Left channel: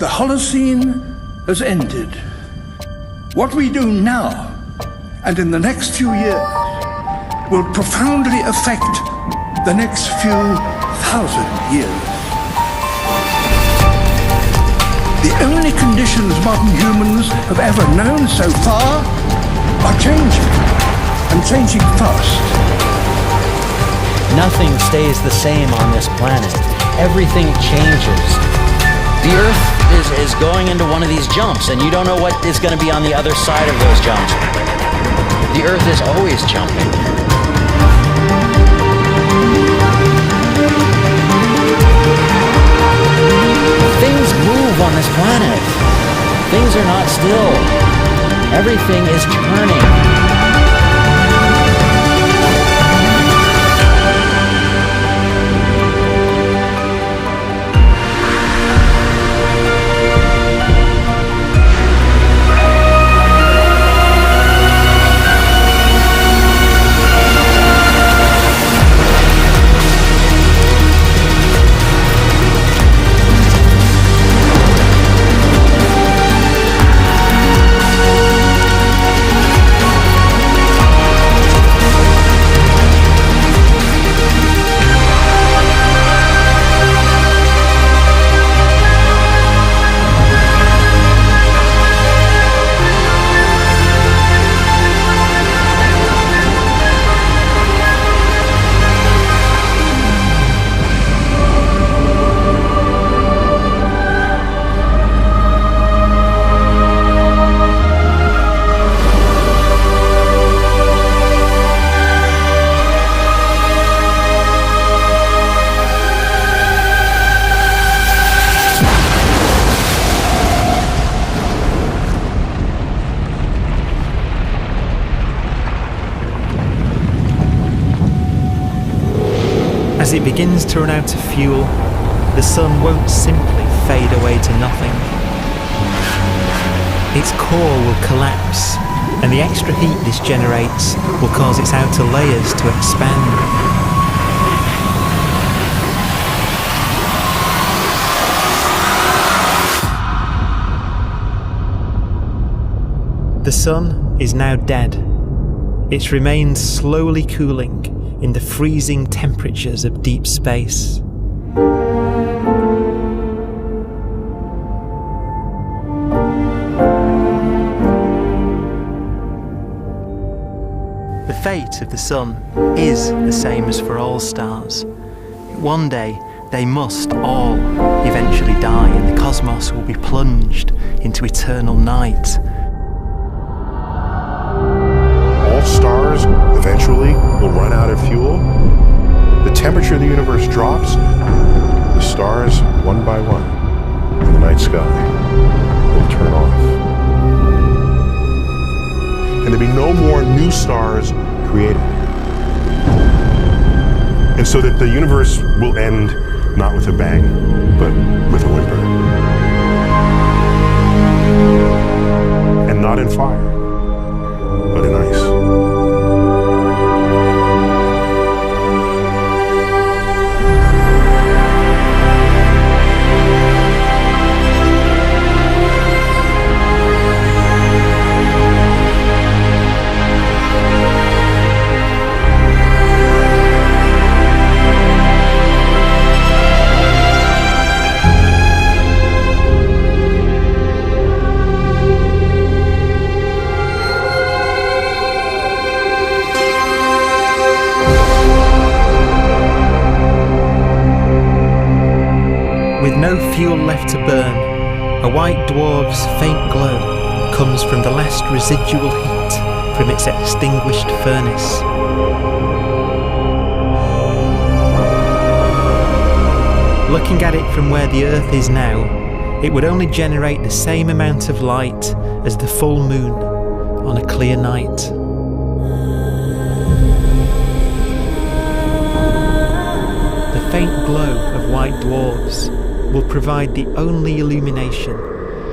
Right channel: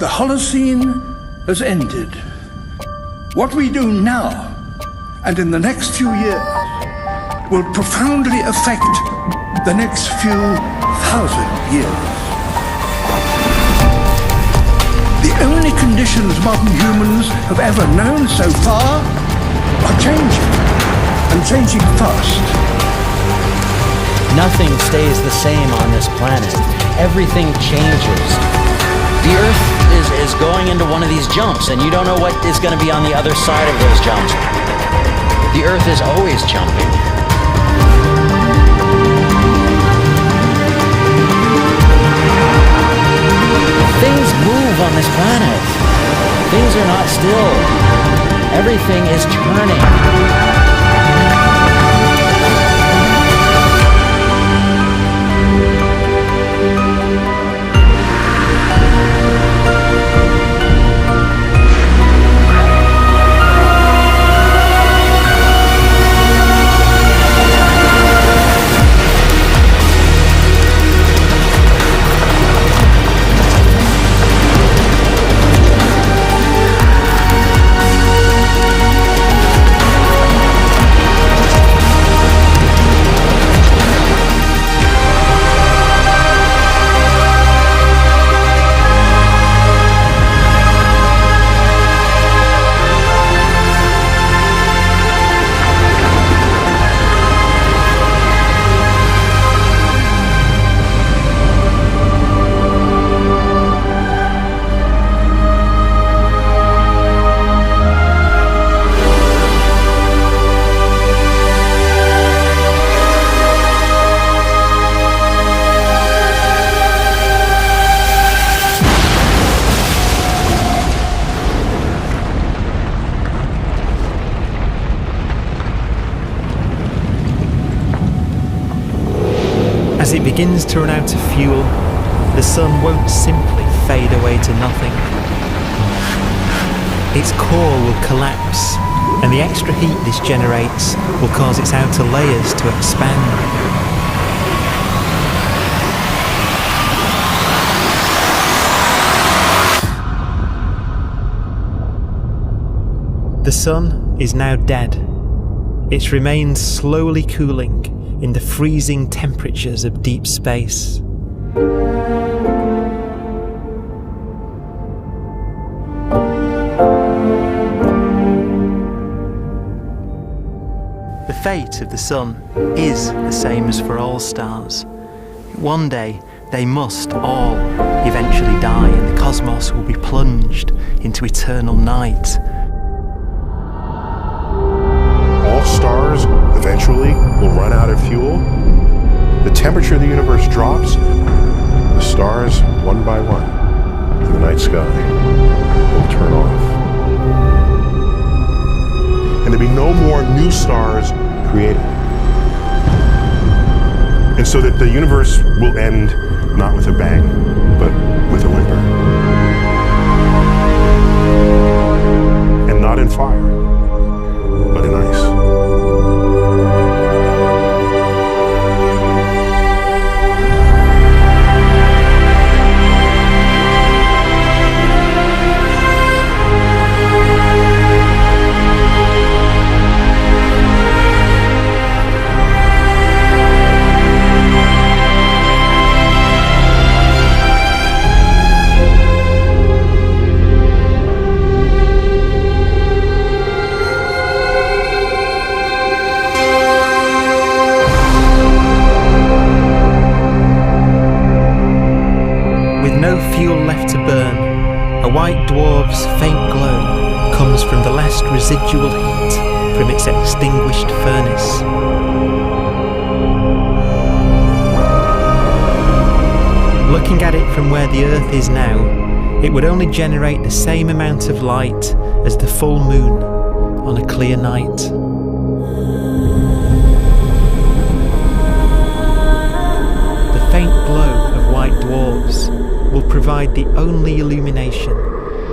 The Holocene has ended. What we do now and in the next few years will profoundly affect the next few thousand years. The only conditions modern humans have ever known so far are changing, and changing fast. Nothing stays the same on this planet. Everything changes. The Earth is going into one of these jumps, and you don't know what is going to be on the other side of those jumps. The Earth is always jumping. Things move on this planet. Things are not still. Everything is turning. As it begins to run out of fuel, the sun won't simply fade away to nothing. Its core will collapse, and the extra heat this generates will cause its outer layers to expand. The sun is now dead. Its remains slowly cooling in the freezing temperatures of deep space. The fate of the sun is the same as for all stars. One day they must all eventually die, and the cosmos will be plunged into eternal night. All stars eventually will run out of fuel. The temperature of the universe drops. The stars, one by one, in the night sky, will turn off. And there'll be no more new stars created. And so that the universe will end not with a bang, but with a whimper. And not in fire, but in ice. With no fuel left to burn, a white dwarf's faint glow comes from the last residual heat from its extinguished furnace. Looking at it from where the Earth is now, it would only generate the same amount of light as the full moon on a clear night. The faint glow of white dwarfs will provide the only illumination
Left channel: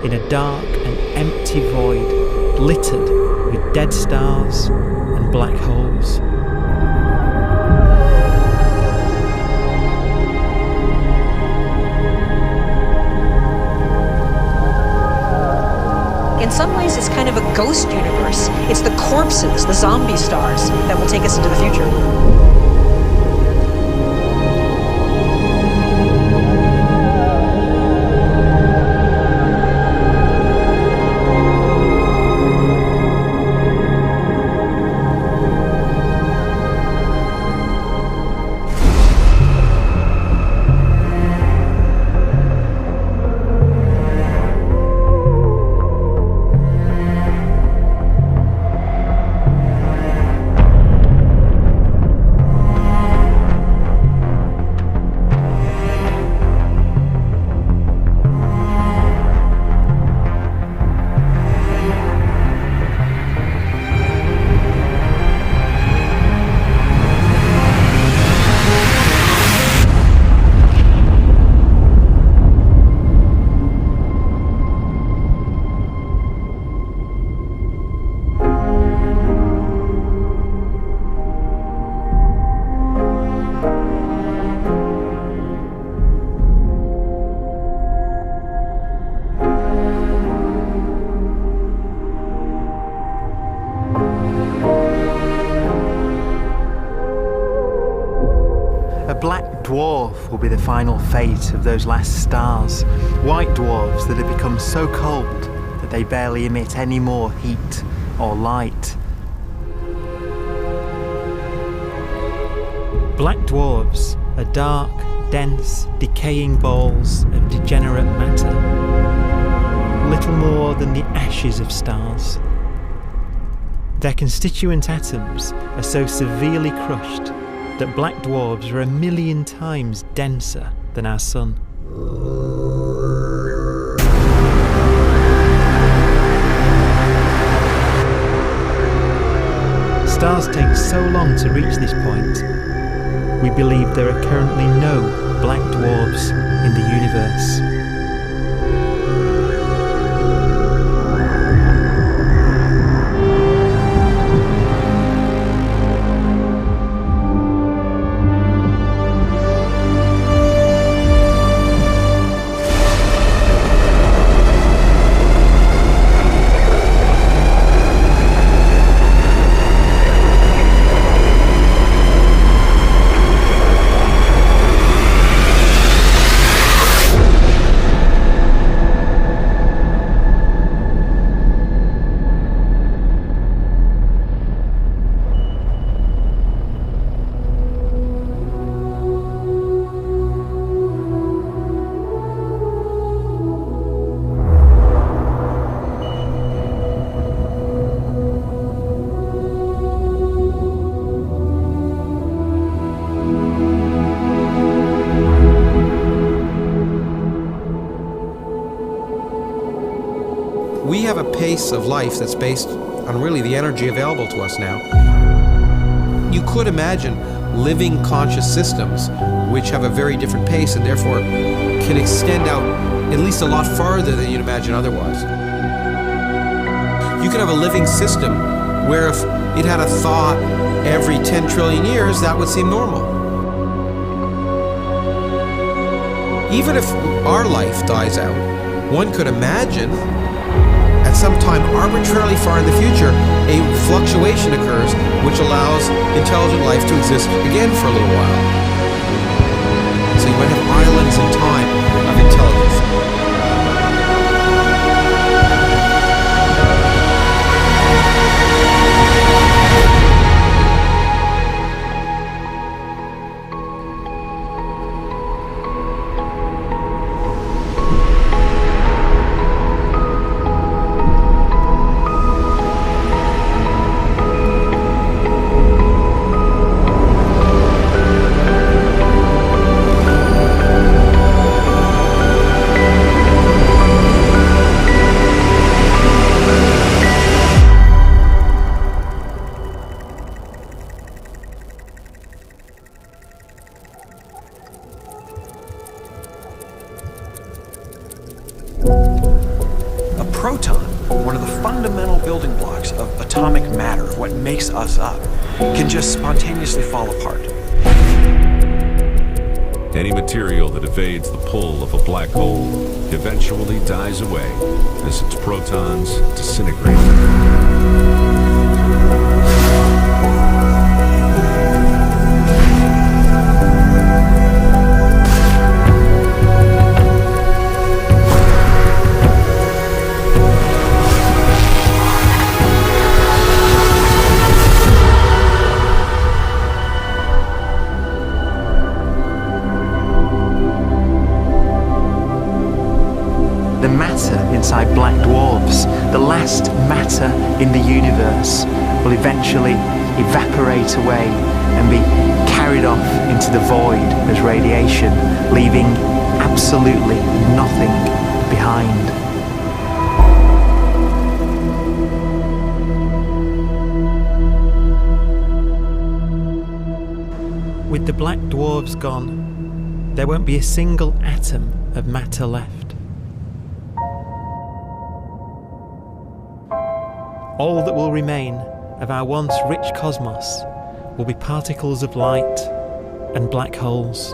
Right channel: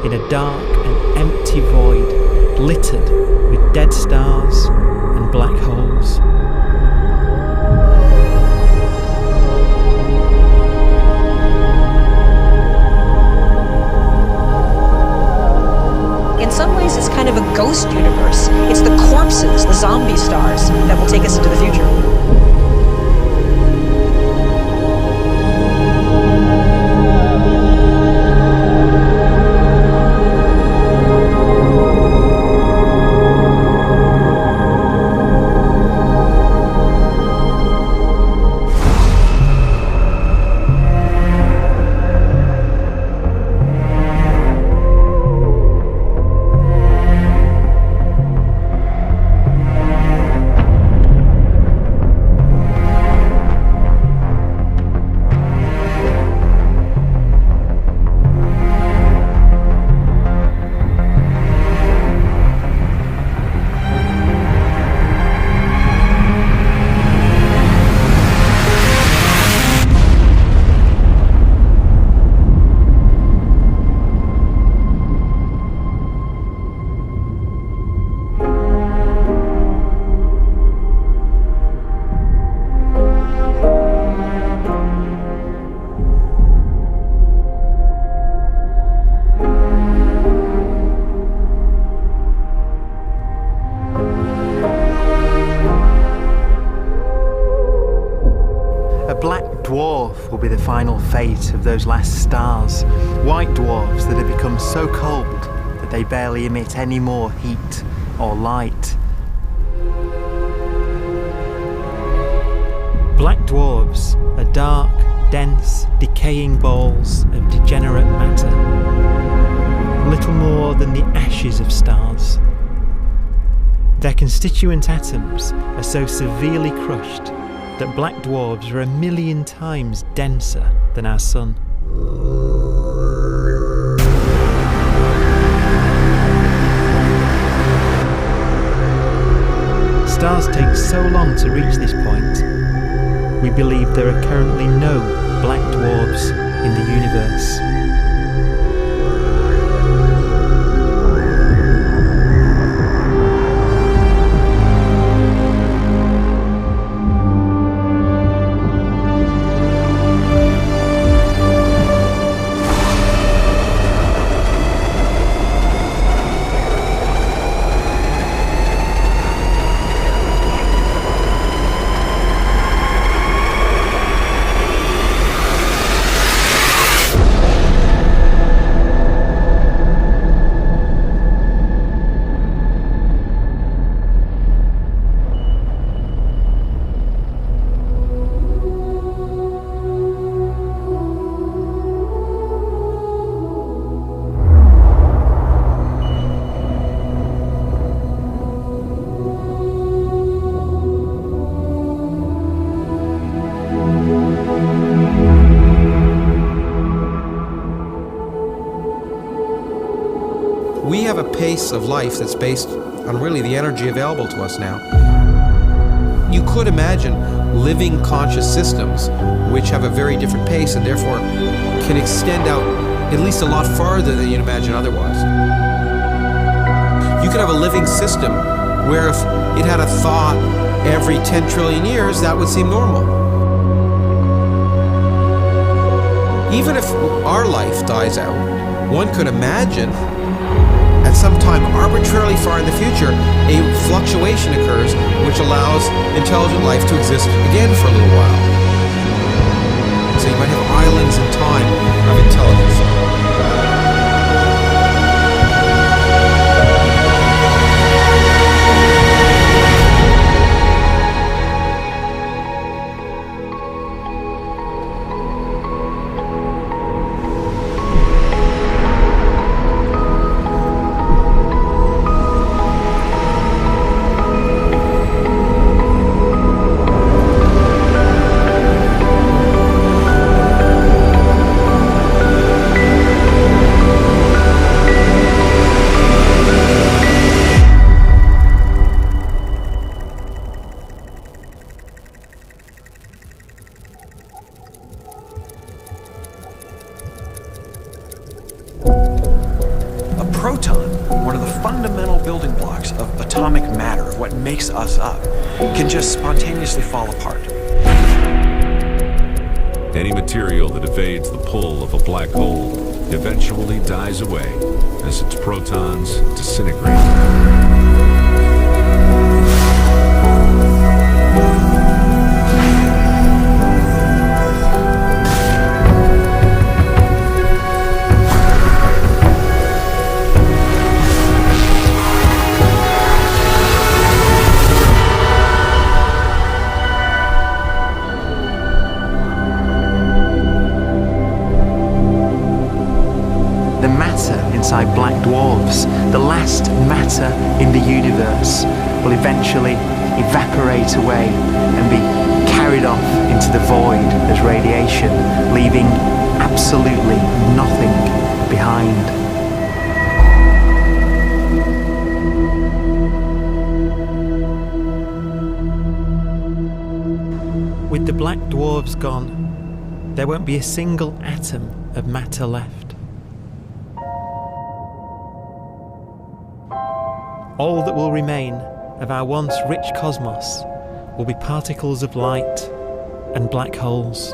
in a dark and empty void littered with dead stars and black holes. some ways, it's kind of a ghost universe. It's the corpses, the zombie stars, that will take us into the future. A black dwarf will be the final fate of those last stars. White dwarfs that have become so cold that they barely emit any more heat or light. Black dwarfs are dark, dense, decaying balls of degenerate matter, little more than the ashes of stars. Their constituent atoms are so severely crushed that black dwarfs are 1,000,000 times denser than our sun. Stars take so long to reach this point, we believe there are currently no black dwarfs in the universe. We have a pace of life that's based on really the energy available to us now. You could imagine living conscious systems which have a very different pace and therefore can extend out at least a lot farther than you'd imagine otherwise. You could have a living system where if it had a thought every 10 trillion years, that would seem normal. Even if our life dies out, one could imagine at some time arbitrarily far in the future, a fluctuation occurs which allows intelligent life to exist again for a little while. So you might have islands in time of intelligence. Proton, one of the fundamental building blocks of atomic matter, of what makes us up, can just spontaneously fall apart. Any material that evades the pull of a black hole eventually dies away as its protons disintegrate. The matter inside black dwarfs, the last matter in the universe, will eventually evaporate away and be carried off into the void as radiation, leaving absolutely nothing behind. With the black dwarfs gone, there won't be a single atom of matter left. All that will remain of our once rich cosmos will be particles of light and black holes.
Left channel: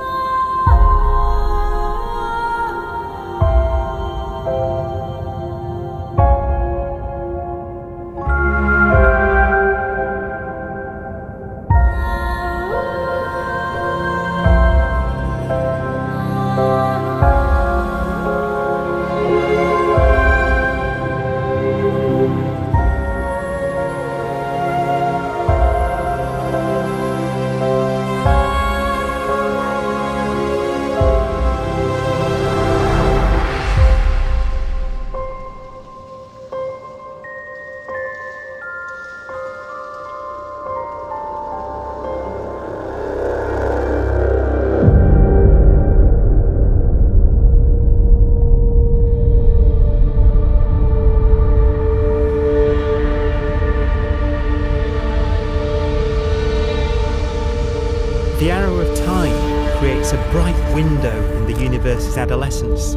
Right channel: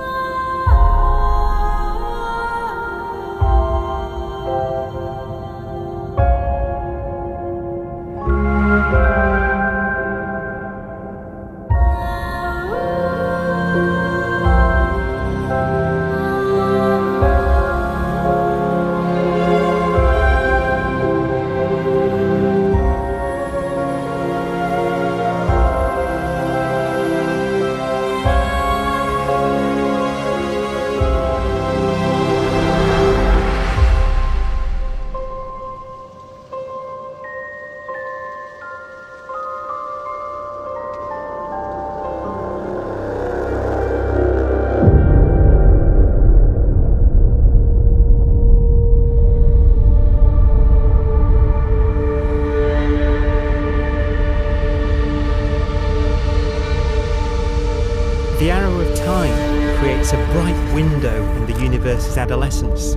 The arrow of time creates a bright window in the universe's adolescence,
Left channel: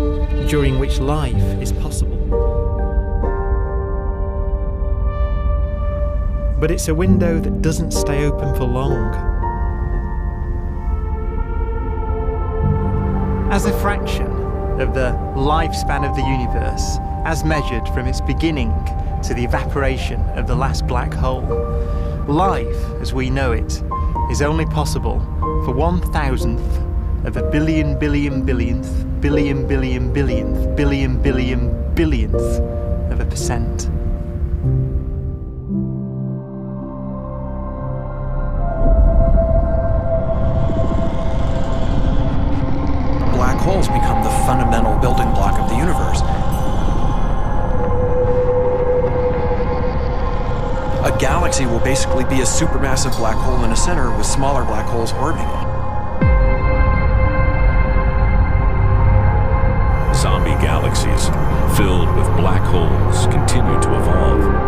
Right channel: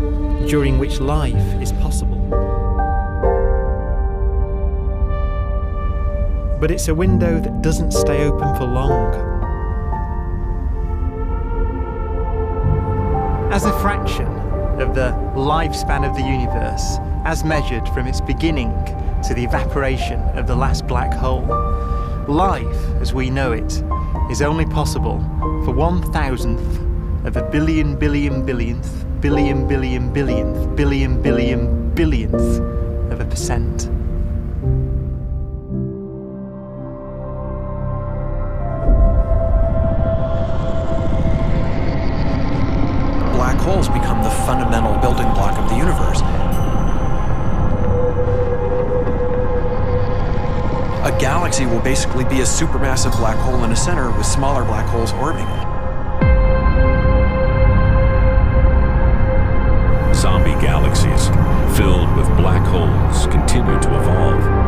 during which life is possible. But it's a window that doesn't stay open for long. As a fraction of the lifespan of the universe, as measured from its beginning to the evaporation of the last black hole, life, as we know it, is only possible for 1,000th of a billion billion billionth billion billion billionth billion billion billionth of a percent. Black holes become the fundamental building block of the universe. A galaxy will basically be a supermassive black hole in a center with smaller black holes orbiting it. Zombie galaxies filled with black holes continue to evolve.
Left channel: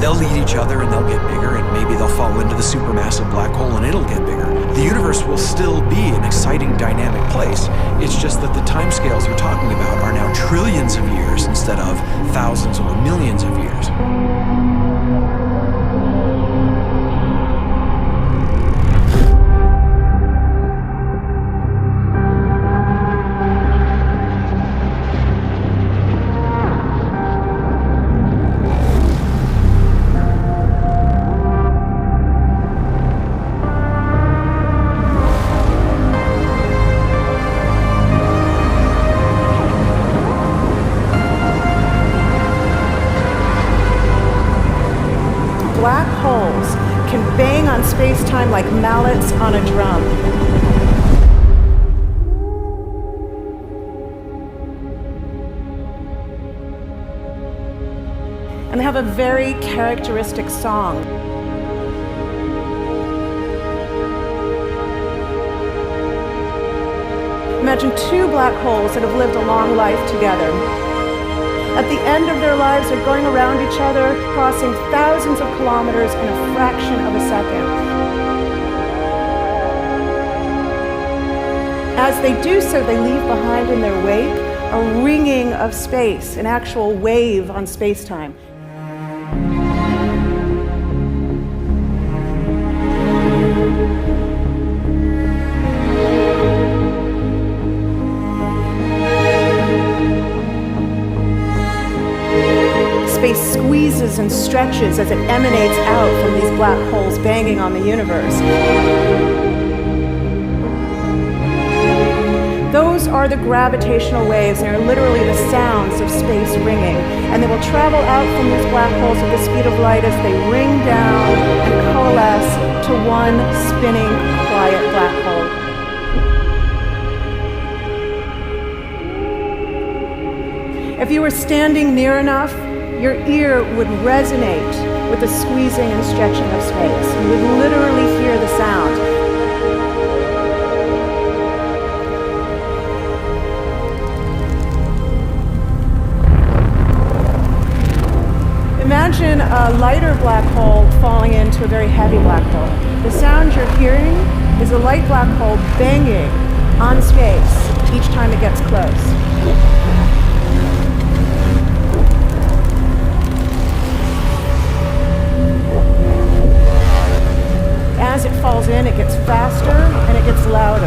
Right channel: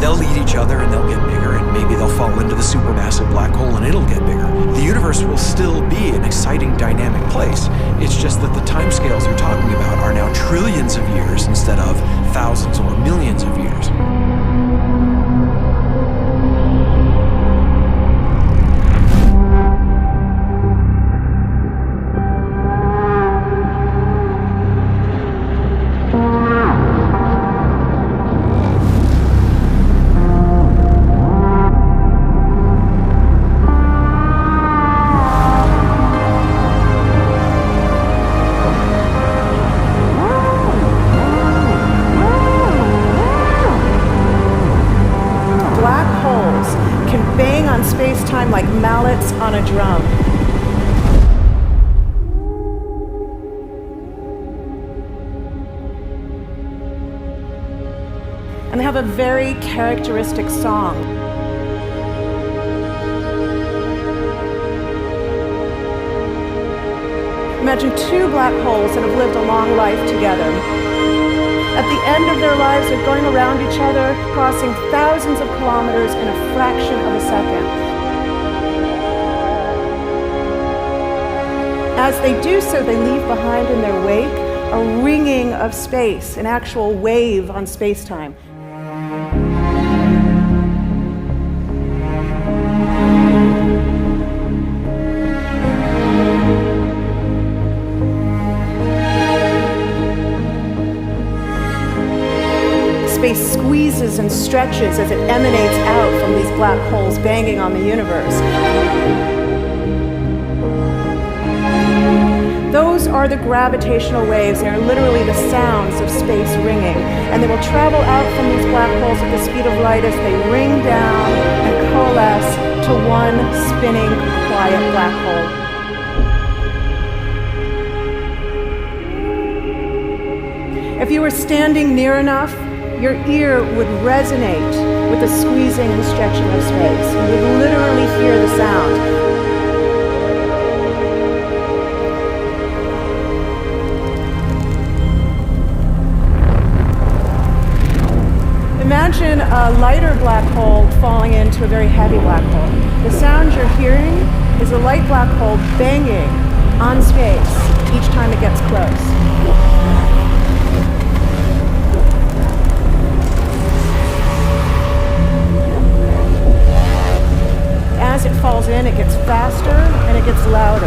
They'll lead each other and they'll get bigger, and maybe they'll fall into the supermassive black hole and it'll get bigger. The universe will still be an exciting, dynamic place. It's just that the timescales you're talking about are now trillions of years instead of thousands or millions of years. Black holes can bang on space-time like mallets on a drum. And they have a very characteristic song. Imagine two black holes that have lived a long life together. At the end of their lives, they're going around each other, crossing thousands of kilometers in a fraction of a second. As they do so, they leave behind in their wake a ringing of space, an actual wave on space-time. Space squeezes and stretches as it emanates out from these black holes banging on the universe. Those are the gravitational waves. They are literally the sounds of space ringing. And they will travel out from these black holes at the speed of light as they ring down and coalesce to one spinning, quiet black hole. If you were standing near enough, your ear would resonate with the squeezing and stretching of space. You would literally hear the sound. Imagine a lighter black hole falling into a very heavy black hole. The sound you're hearing is a light black hole banging on space each time it gets close. As it falls in, it gets faster and it gets louder.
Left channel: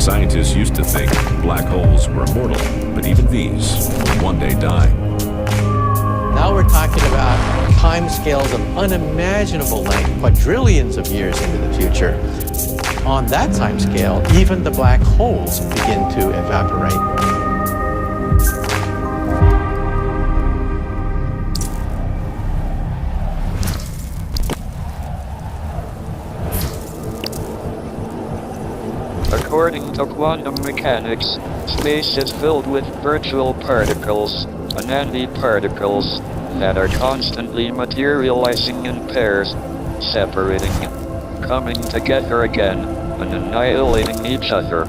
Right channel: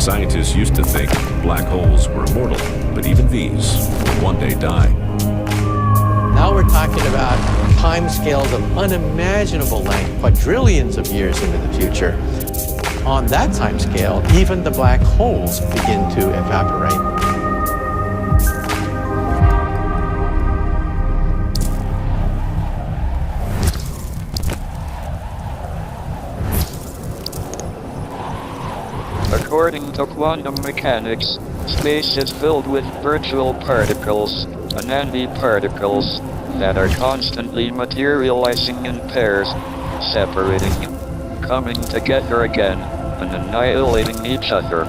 Scientists used to think black holes were immortal, but even these will one day die. Now we're talking about timescales of unimaginable length, quadrillions of years into the future. On that timescale, even the black holes begin to evaporate. According to quantum mechanics, space is filled with virtual particles, antiparticles, that are constantly materializing in pairs, separating, coming together again, and annihilating each other.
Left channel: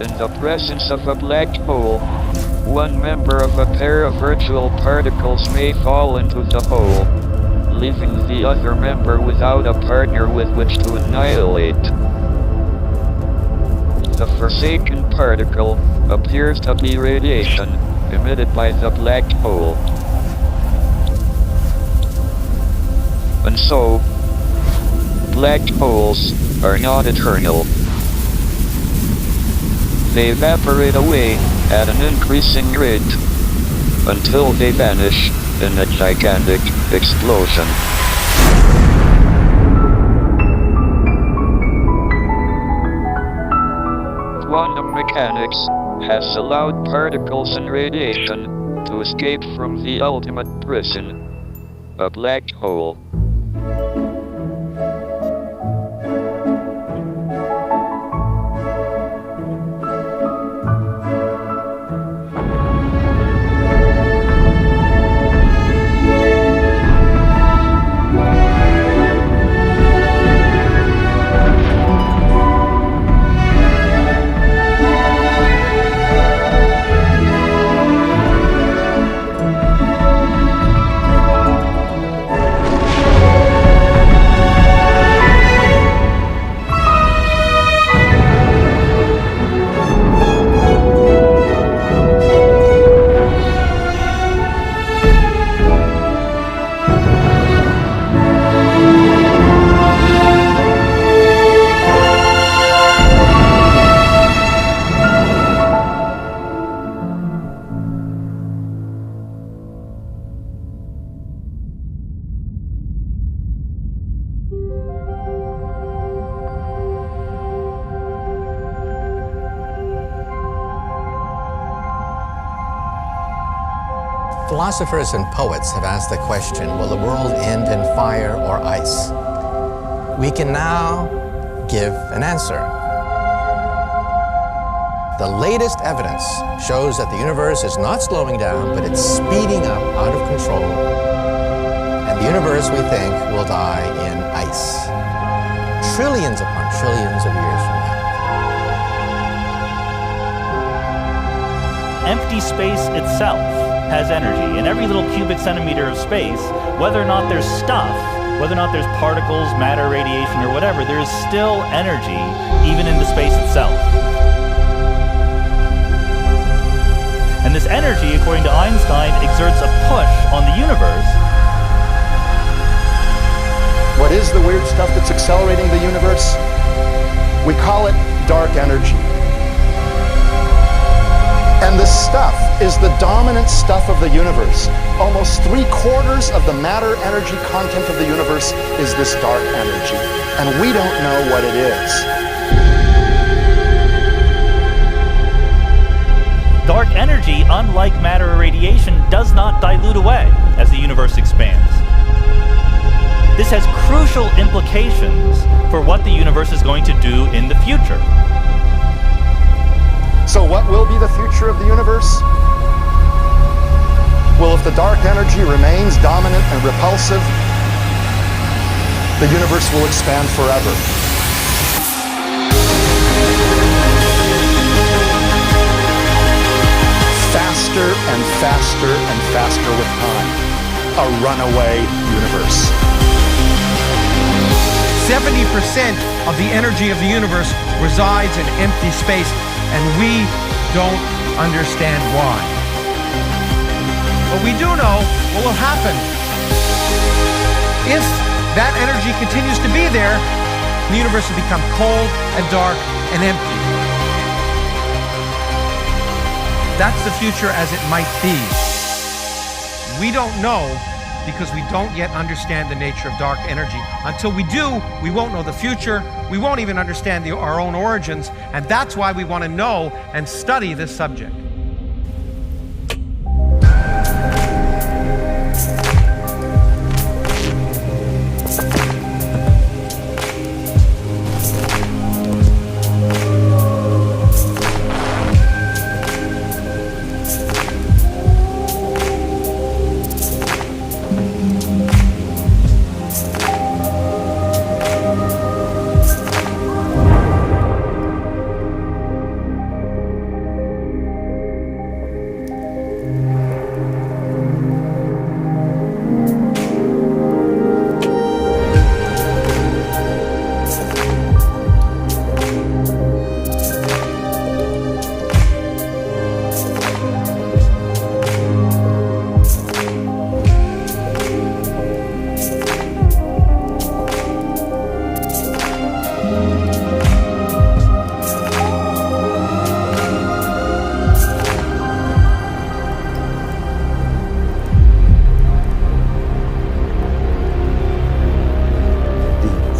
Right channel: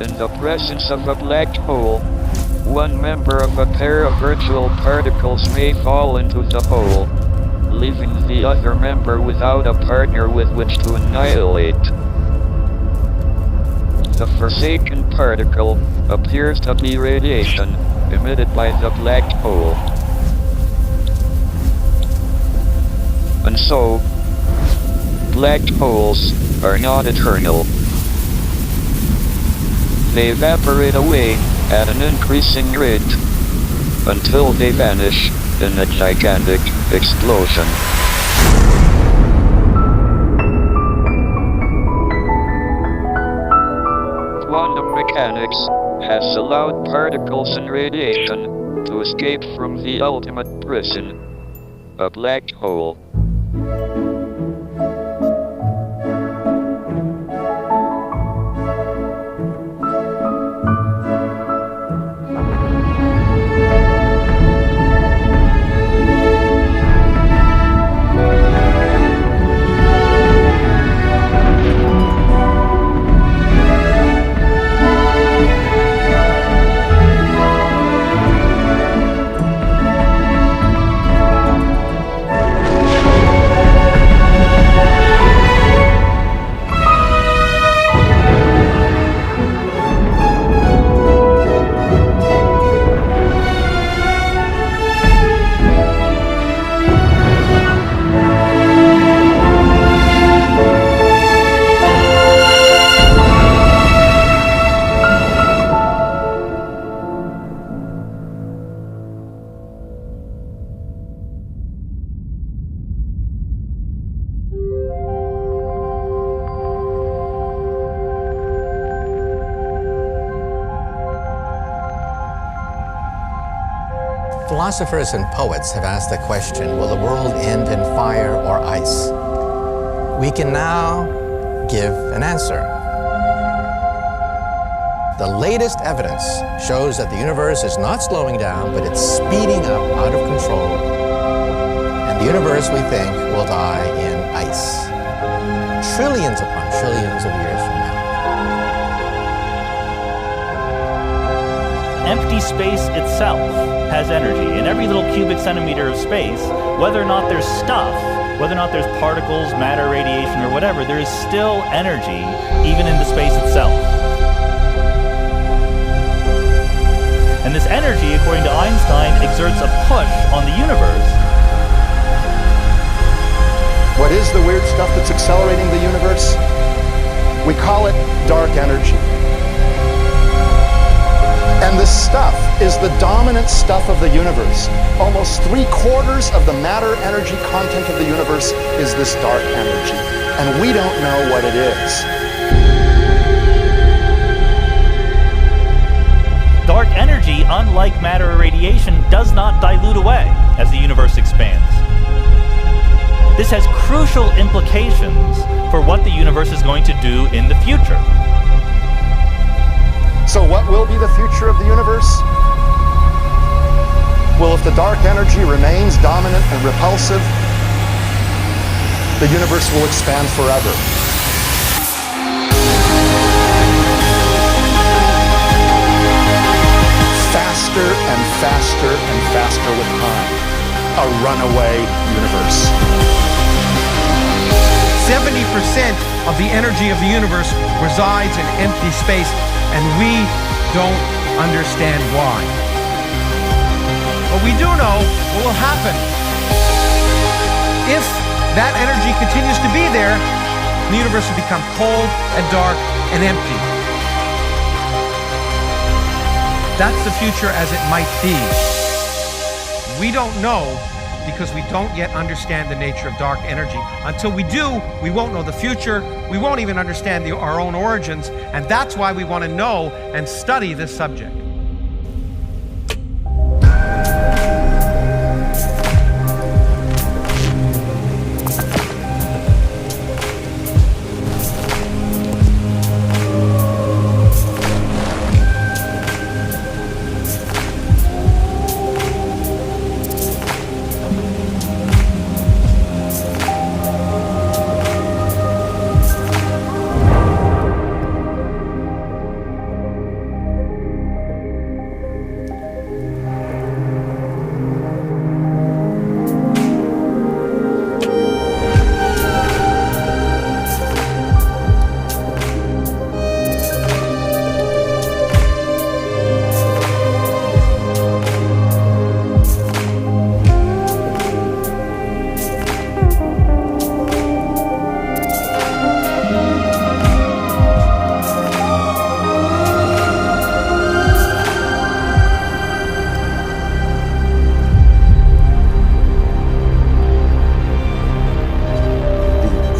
In the presence of a black hole, one member of a pair of virtual particles may fall into the hole, leaving the other member without a partner with which to annihilate. The forsaken particle appears to be radiation emitted by the black hole. And so, black holes are not eternal. They evaporate away at an increasing rate until they vanish in a gigantic explosion. Quantum mechanics has allowed particles and radiation to escape from the ultimate prison, a black hole. Philosophers and poets have asked the question, will the world end in fire or ice? We can now give an answer. The latest evidence shows that the universe is not slowing down, but it's speeding up out of control. And the universe, we think, will die in ice. Trillions upon trillions of years from now. Empty space itself has energy. In every little cubic centimeter of space, whether or not there's stuff whether or not there's particles, matter, radiation, or whatever, there is still energy even in the space itself. And this energy, according to Einstein, exerts a push on the universe. What is the weird stuff that's accelerating the universe? We call it dark energy. And this stuff is the dominant stuff of the universe. Almost 3/4 of the matter-energy content of the universe is this dark energy. And we don't know what it is. Dark energy, unlike matter or radiation, does not dilute away as the universe expands. This has crucial implications for what the universe is going to do in the future. So what will be the future of the universe? Well, if the dark energy remains dominant and repulsive, the universe will expand forever. Faster and faster and faster with time. A runaway universe. 70% of the energy of the universe resides in empty space, and we don't understand why. But we do know what will happen. If that energy continues to be there, the universe will become cold and dark and empty. That's the future as it might be. We don't know because we don't yet understand the nature of dark energy. Until we do, we won't know the future. We won't even understand our own origins. And that's why we want to know and study this subject.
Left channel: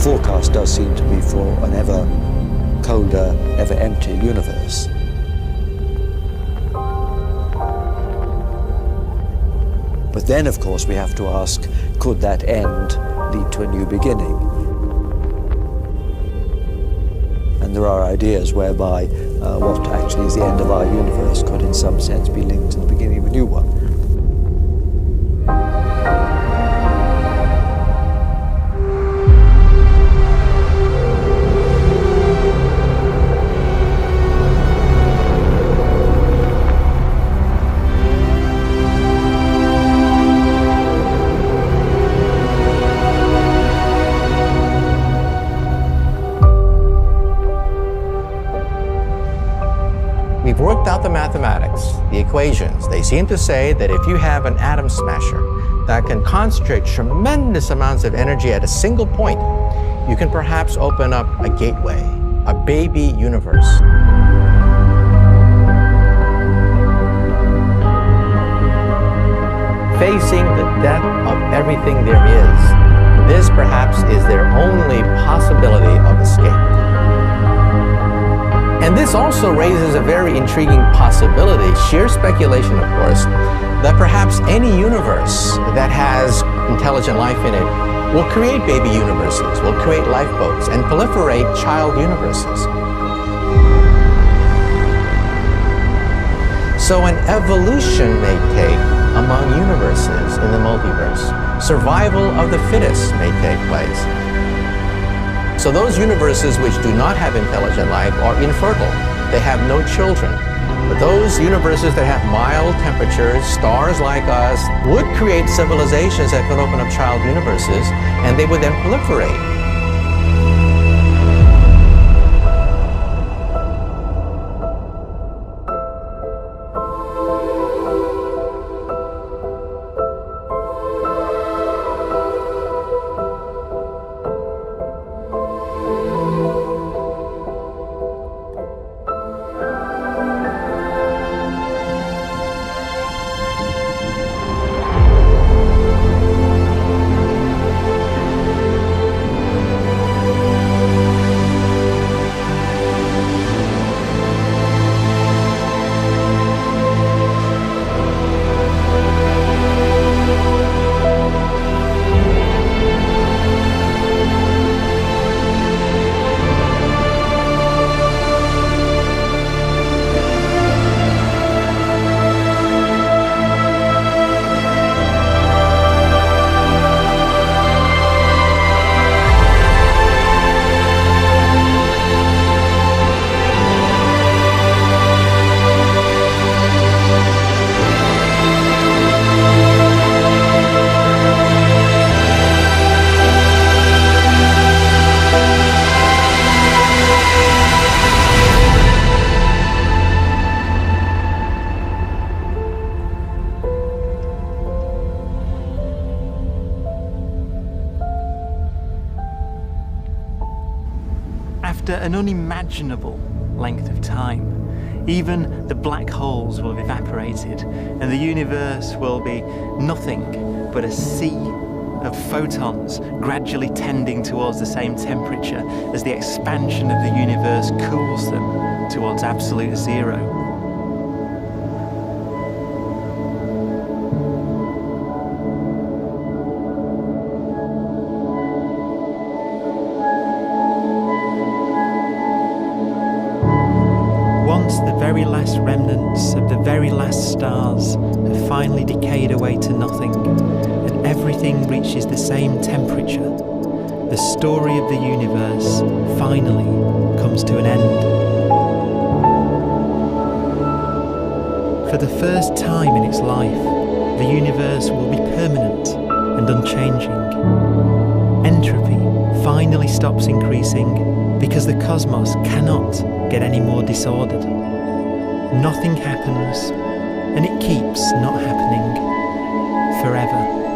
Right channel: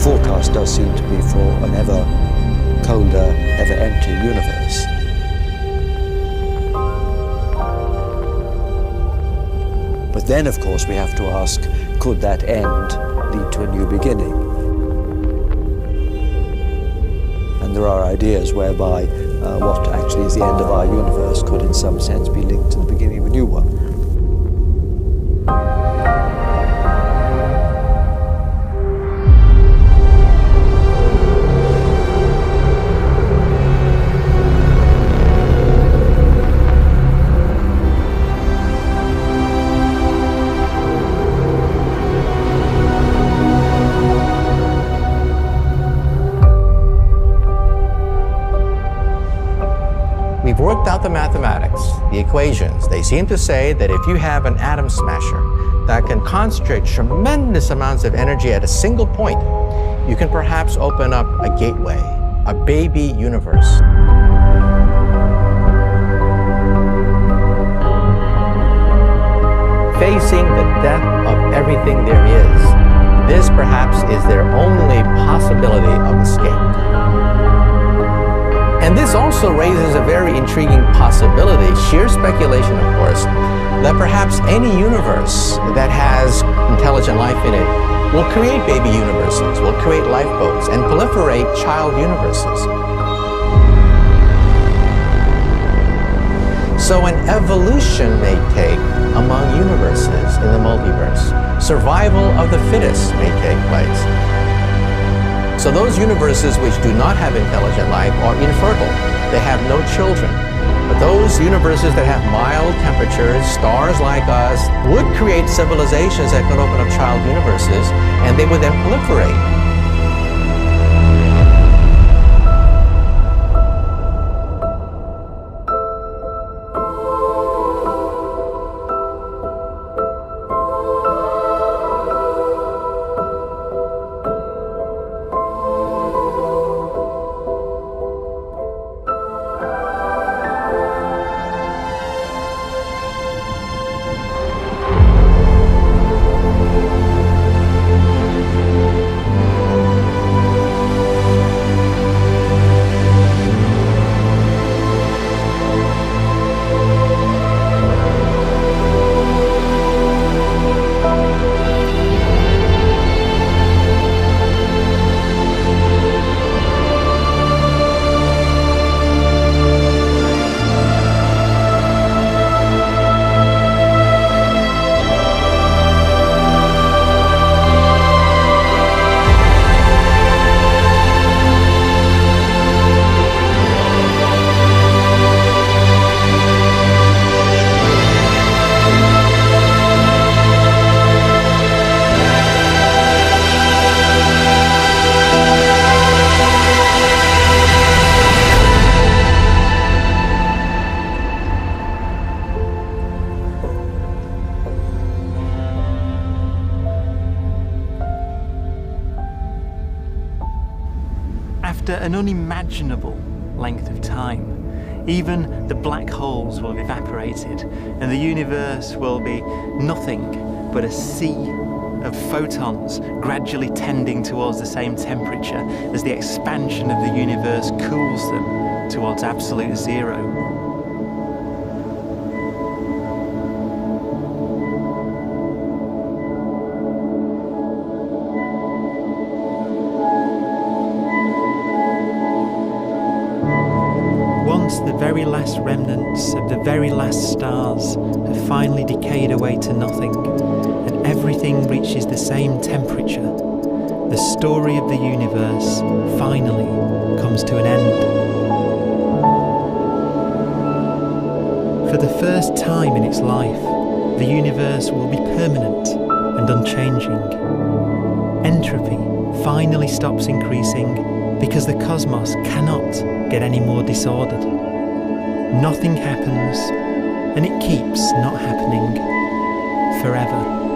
Forecast does seem to be for an ever colder, ever emptier universe. But then, of course, we have to ask, could that end lead to a new beginning? And there are ideas whereby what actually is the end of our universe could in some sense be linked to the beginning of a new one. We've worked out the mathematics, the equations. They seem to say that if you have an atom smasher that can concentrate tremendous amounts of energy at a single point, you can perhaps open up a gateway, a baby universe. Facing the death of everything there is, this perhaps is their only possibility of escape. And this also raises a very intriguing possibility, sheer speculation of course, that perhaps any universe that has intelligent life in it will create baby universes, will create lifeboats, and proliferate child universes. So an evolution may take among universes in the multiverse. Survival of the fittest may take place. So those universes which do not have intelligent life are infertile. They have no children. But those universes that have mild temperatures, stars like us, would create civilizations that could open up child universes, and they would then proliferate. After an unimaginable length of time, even the black holes will have evaporated and the universe will be nothing but a sea of photons gradually tending towards the same temperature as the expansion of the universe cools them towards absolute zero. Once the very last remnants of the very last stars have finally decayed away to nothing, and everything reaches the same temperature, the story of the universe finally comes to an end. For the first time in its life, the universe will be permanent and unchanging. Entropy finally stops increasing because the cosmos cannot get any more disordered. Nothing happens, and it keeps not happening forever.